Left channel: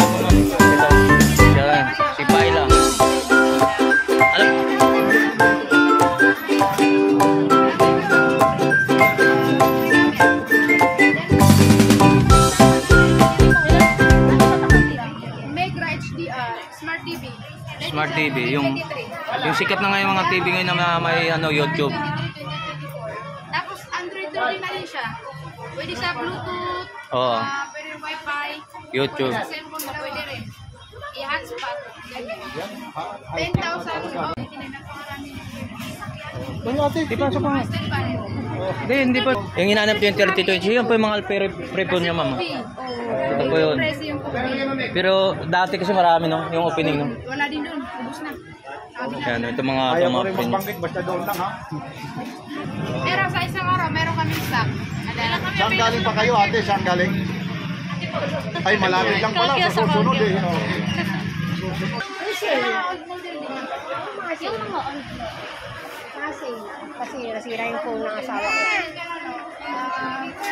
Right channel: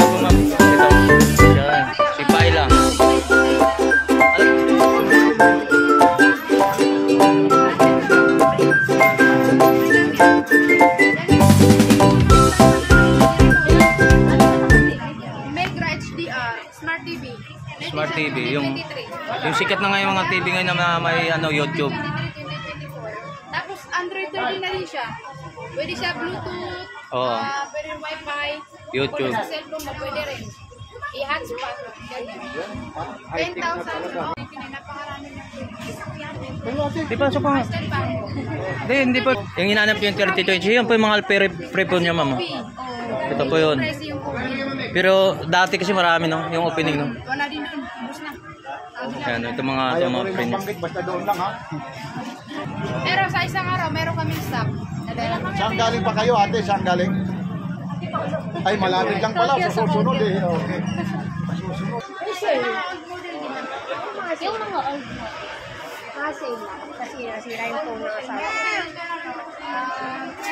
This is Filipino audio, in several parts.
siya po ma'am. Ito. Yan. Si Paila. Alam. Mega HDR, Smart TV. Smart TV. Yung sikat na ngayon mga TV ngayon na may ano, YouTube. 2024. Tapos Android 13 na rin siya. Pwede siya Bluetooth, Oo. pwede Wi-Fi, YouTube. kung sa cellphone mo pwede rin. I-hotspot. Ganyan. 10,000. Napakarami na. Di pasok pa nga. Hindi pa. Yung hinanap yung 3020, yun po yung mga pre-phone niya mama. Ito po yun. Pero dati kasi marami no, yung opening no. Wala din doon. Ubus na. Yan, ito mga pre niya. Basta doon lang ha. Pero sa isang araw, meron kami stock. Saan galing pa kayo ate? Saan galing? Ay malapit lang pala. Sa susunod eh. Okay. Old model din naman. Yung mga old mo. Kasi nasira yung phone ng asawa ko. Meron ka ano,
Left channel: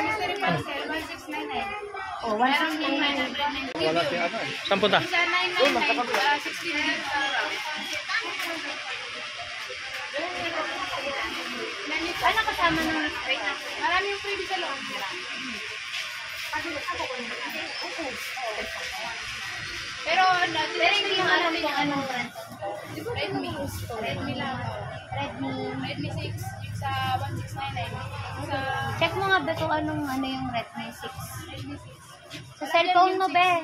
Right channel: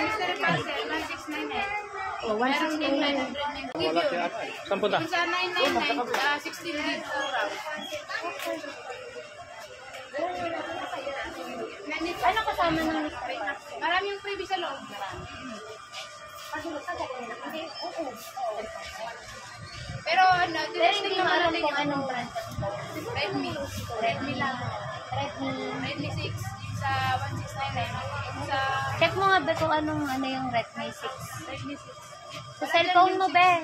mystery parcel, 1699. Oh, Meron din 990. Give you. Saan punta? Isa 999, 16 gig raw. Ano kasama ng rate na? Marami yung pwede sa loob. Pero Hindi mo alam kung anong brand. Redmi lang. Redmi 6, yung sa 1699. Yung sa Check mo nga ba kung anong yung Redmi 6. Redmi 6. Sa cellphone mo ba?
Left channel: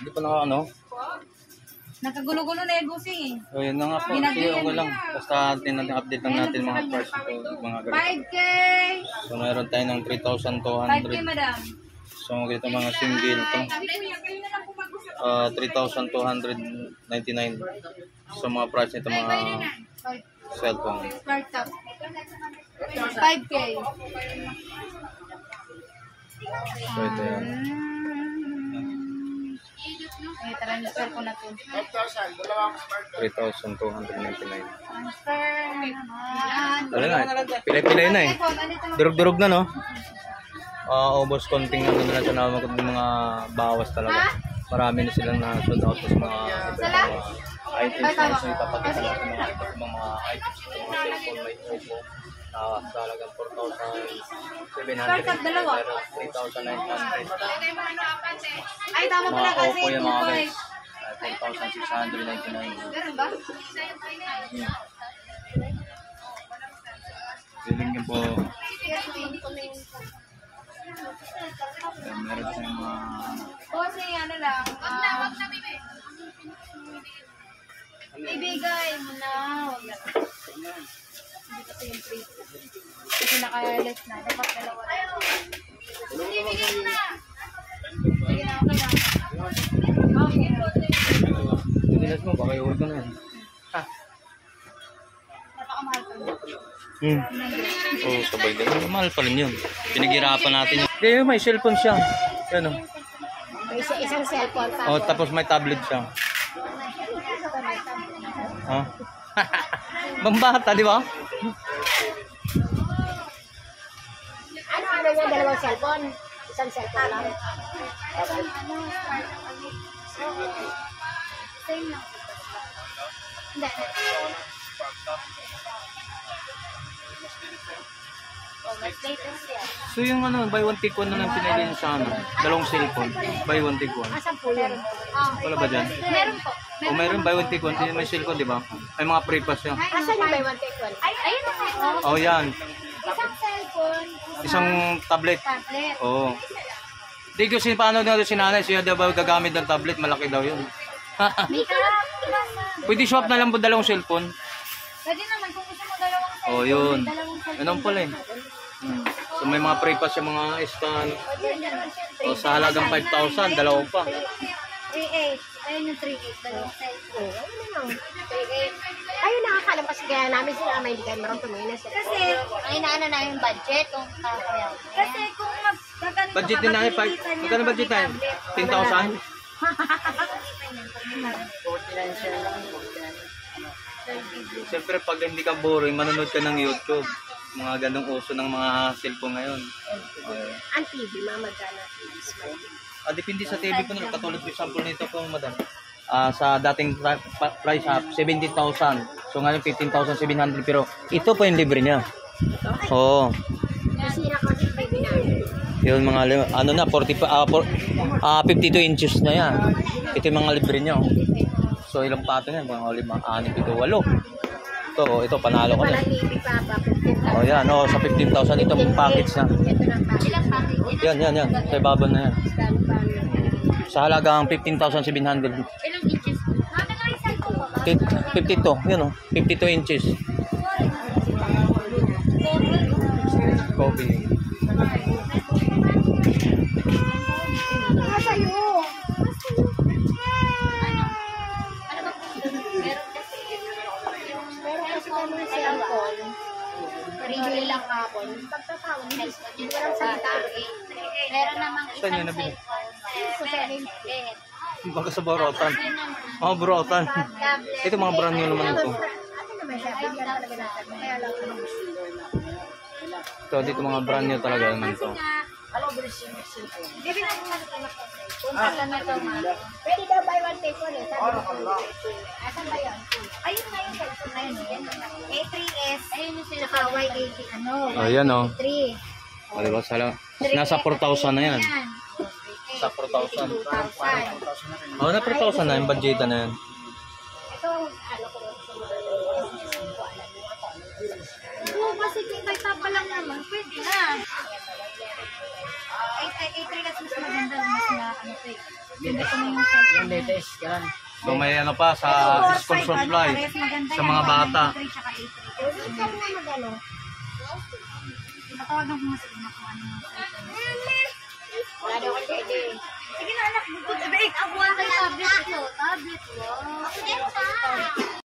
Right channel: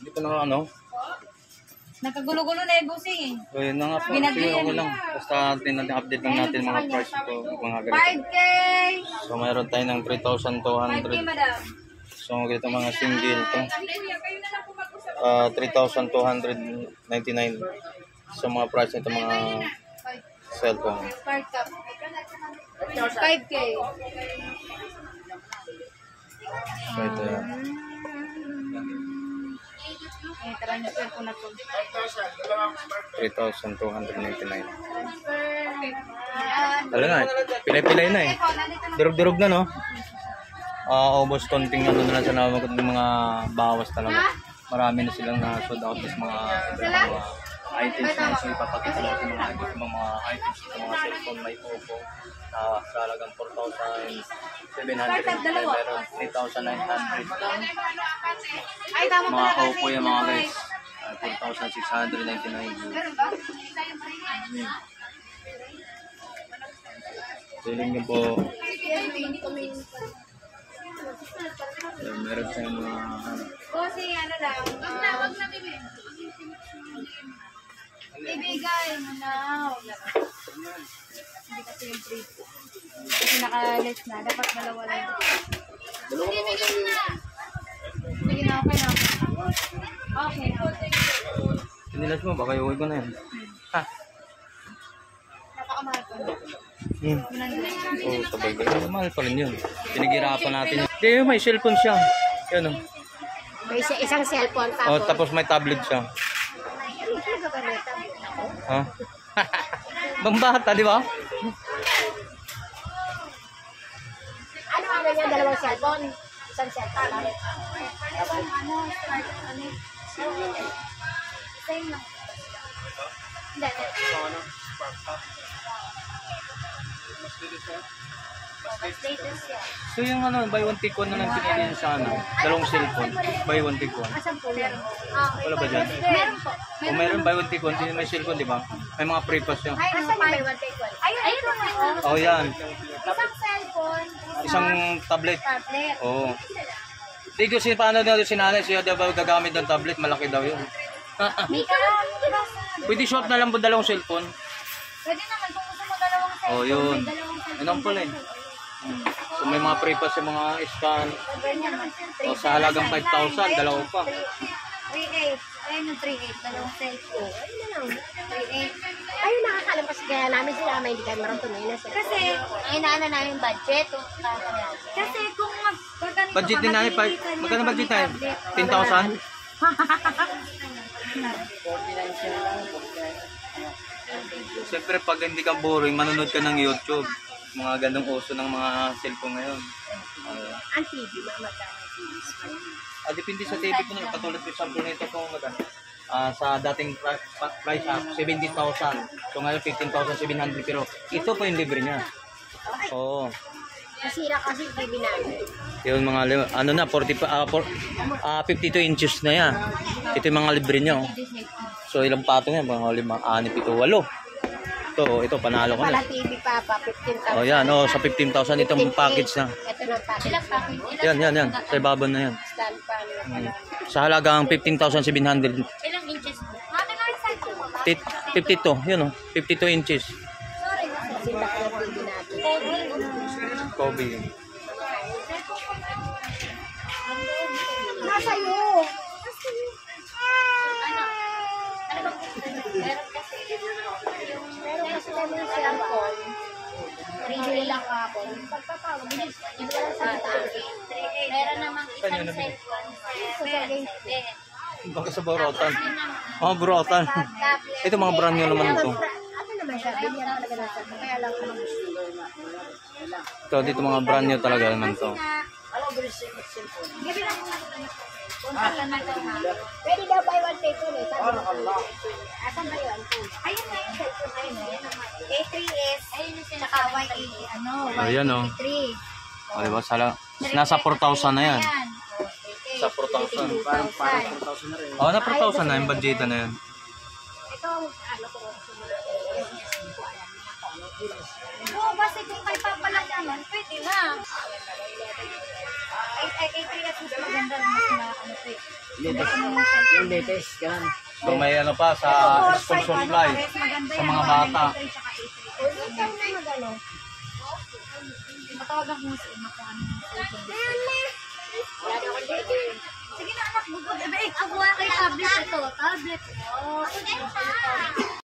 Hindi pa na ano. Nakagulo-gulo na yung busing eh. O yun na nga po. Sige, okay lang. Basta update lang natin mga price ko. Mga ganito. 5K! So mayroon tayo ng 5K 3,200. madam. So ganito mga single to. 3,299. So mga price nito mga cellphone. 5K. So ito yan. May transfer ko na po. 3,299. Transfer. Wala na. Pilay-pilay na eh. Durog-durog na no. Ubos konting ano na lang sa naman kundi mga bawas talaga. Marami na silang na-sold out sa mga iba-ibang mga items na gusto ipapakita natin mga items, mga items sa mga cellphone may Oppo na sa halagang 4,700, meron 3,900. Mga Oppo yung mga guys, 4,699. Feeling nyo po, meron tayong mga ano. Kasi ano lang, wag na bibi. Ibigay mo na. Wag na. Hindi kasi yung free. Kasi naka-less na. Dapat dalawa lang. Ibigay mo na. Sige na, okay lang. Okay na. Sinilas mo, baka iuwi ko na yan. Ha? Napakamahal ko. Oo, sabay din. Mahal pa rin yun. Pinaghirapan natin yun. Hindi, may cellphone siya. Yan o. May isang cellphone. Oh, tapos may tablet siya. Ha? Bambata, di ba? Ano yung dalawang cellphone? Isang cellphone lang. Same lang. Hindi. Mas latest yan. So yung ano, buy one take one na lang pinili niya sa ano, dalawang cellphone. Buy one take one. Asan po yan? Wala ba dyan? Meron po. O mayroon buy one take one, may cellphone, di ba? May mga pre-pass siya. Asan yung buy one take one? Ayun na. Oh, yan. Isang cellphone. Isang tablet. Tablet. Oo. Di ko paano daw si nanay, siya daw ba gagamit ng tablet, malaki daw yun. May Pwede swap na lang po dalawang cellphone. Pwede naman kung gusto mo dalawang cellphone. Oh, yun. May dalawang cellphone. Anong pala eh. So may mga pre-pass yung mga scan. Ganyan. O sa halagang 5,000, dalawa pa. 3.8. Ayun yung 3.8. Dalawang cellphone. Ayun na lang. 3.8. Ayun, nakakalam kasi kaya namin sila ama hindi kayo marunong tumingin sa Kasi, ay naano na yung budget kung kaya. kasi kung magkaganito Budget din natin, magkano budget tayo? 10,000? 49 share lang. Siyempre pag hindi ka boring, manonood ka ng YouTube. Mga gandong uso ng mga cellphone ngayon. Okay. Ang TV, magkano Depende sa TV po nila. Katulad for example nito po, madam. Sa dating price 70,000. So ngayon 15,700 pero ito po yung libre niya. Oo. Nasira kasi TV namin. Yung mga ano na 52 inches na yan. Ito yung mga libre niya. Oh. So ilang patong yan? Mga 5, 6, 7, 8. Ito panalo ko na. Wala TV pa, 15,000. Oh yan, sa 15,000 itong package na. Ito na package. Ilang package? Yan. Sa ibabaw na yan. Stand pa lang. Sa halagang 15,700. Ilang inches? Mami, no, isang po. 52, yun 52 inches. Kobe. Nasa'yo. Ano ba po? Meron kasi Pero kasi kami yung cellphone, naribili lang kapon. Pagtatawag, hindi ko lang salita. meron namang Saan yun isang nabili? cellphone. Baka sa Borotan. Borotan. Ito mga brand new naman ito. Ano naman siya? Bigyan talaga natin. Kaya lang ano. Ito dito mga brand new talaga naman to. Gabi lang naman punta na ito, mami. Pwede daw buy one take one eh. Sabi ko. Asan ba yun? Ayun na yung cellphone na yun. A3S. Ayun yung sila Naka Y80 ano. Ayan Y83. Diba? Nasa 4,000 na yan. Sa 4,000. 2,000. Na 4,000 na yung budgeta na yan. Ito, ano ko sa mga Oo, kasi kung may papalan naman, pwede na. 8 mas maganda, mas na ano to eh. Hindi ko naman yung latest, yan. So may ano pa sa school supply sa mga bata. Ikaw na magano. Matawag lang mo sa ina kung ano yung cellphone. Wala daw ang pwede. Sige na anak, bukod. Ako wala kayo tablet ito. Tablet. Wow.